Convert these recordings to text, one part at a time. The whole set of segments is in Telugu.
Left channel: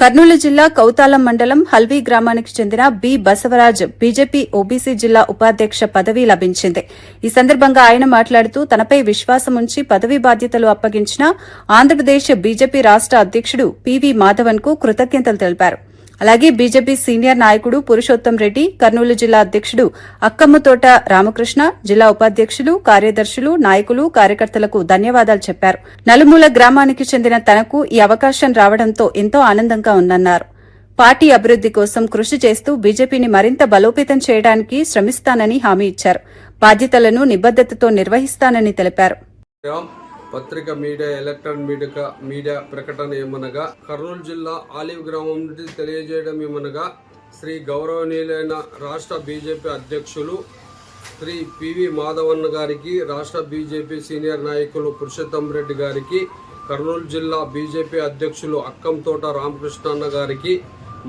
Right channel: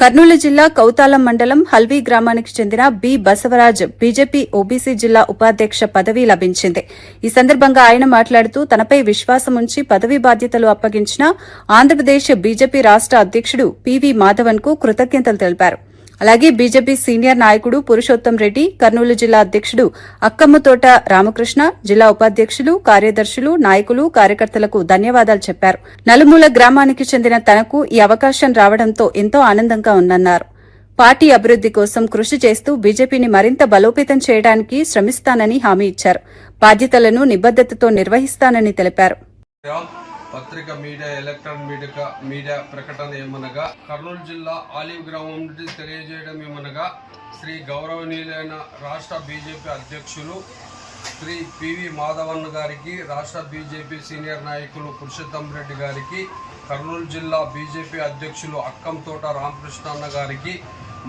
కర్నూలు జిల్లా కౌతాలం మండలం హల్వీ గ్రామానికి చెందిన బి బసవరాజ్ బీజేపీ ఓబీసీ జిల్లా ఉపాధ్యక్ష పదవి లభించింది. ఈ సందర్భంగా ఆయన మాట్లాడుతూ తనపై విశ్వాసముంచి పదవీ బాధ్యతలు అప్పగించిన ఆంధ్రప్రదేశ్ బీజేపీ రాష్ట అధ్యకుడు పివి మాధవన్ కు కృతజ్ఞతలు తెలిపారు. అలాగే బీజేపీ సీనియర్ నాయకుడు పురుషోత్తం రెడ్డి, కర్నూలు జిల్లా అధ్యకుడు అక్కమ్మతోట రామకృష్ణ, జిల్లా ఉపాధ్యకులు, కార్యదర్శులు, నాయకులు, కార్యకర్తలకు ధన్యవాదాలు చెప్పారు. నలుమూల గ్రామానికి చెందిన తనకు ఈ అవకాశం రావడంతో ఎంతో ఆనందంగా ఉందన్నారు. పార్టీ అభివృద్ది కోసం కృషి చేస్తూ బీజేపీని మరింత బలోపేతం చేయడానికి శ్రమిస్తానని హామీ ఇచ్చారు. బాధ్యతలను నిబద్దతతో నిర్వహిస్తానని తెలిపారు. పత్రిక మీడియా, ఎలక్ట్రానిక్ మీడియా ప్రకటన ఏమనగా, కర్నూలు జిల్లా ఆలివ్ గ్రామం నుండి తెలియజేయడం ఏమనగా, శ్రీ గౌరవనీయులైన రాష్ట్ర బీజేపీ అధ్యక్షులు శ్రీ పివి మాధవన్ గారికి, రాష్ట్ర బీజేపీ సీనియర్ నాయకులు పురుషోత్తం రెడ్డి గారికి, కర్నూలు జిల్లా బీజేపీ అధ్యక్షులు అక్కంతోట రామకృష్ణ గారికి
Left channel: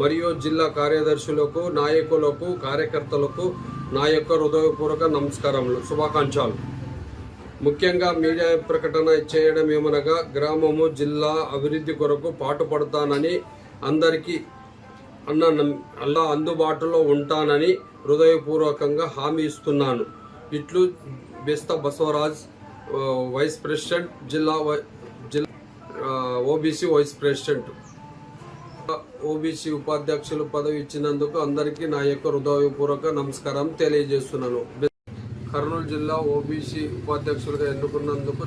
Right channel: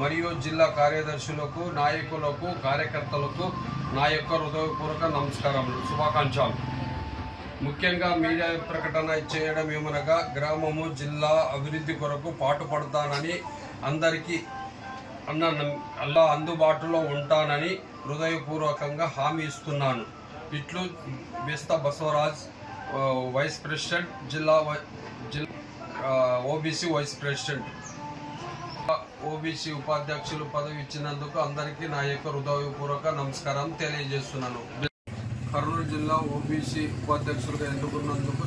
మరియు జిల్లా కార్యదర్శులకు, నాయకులకు, కార్యకర్తలకు నా యొక్క హృదయపూర్వక నమస్కారములు, శుభాకాంక్షలు. ముఖ్యంగా మీడియా ప్రకటన చేయడం ఏమనగా, గ్రామము జిల్లా అభివృద్ధి కొరకు పాటుపడతానని, అందరికీ అలా అందుబాటులో ఉంటానని హృదయపూర్వకంగా హామీ ఇస్తున్నాను. ఇట్లు బెస్త బసవరాజ్, వైస్ ప్రెసిడెంట్, జిల్లా ఓబీసీ వైస్ ప్రెసిడెంట్. ఓబీసీ ఉపాధ్యక్షులు పదవి ఇచ్చినందుకు అందరికీ నా యొక్క హృదయపూర్వక నమస్కారం తెలియజేస్తున్నాను. కర్నూలు జిల్లా ఓబీసీ ఉపాధ్యక్షులుగా ఎన్నుకున్నందుకు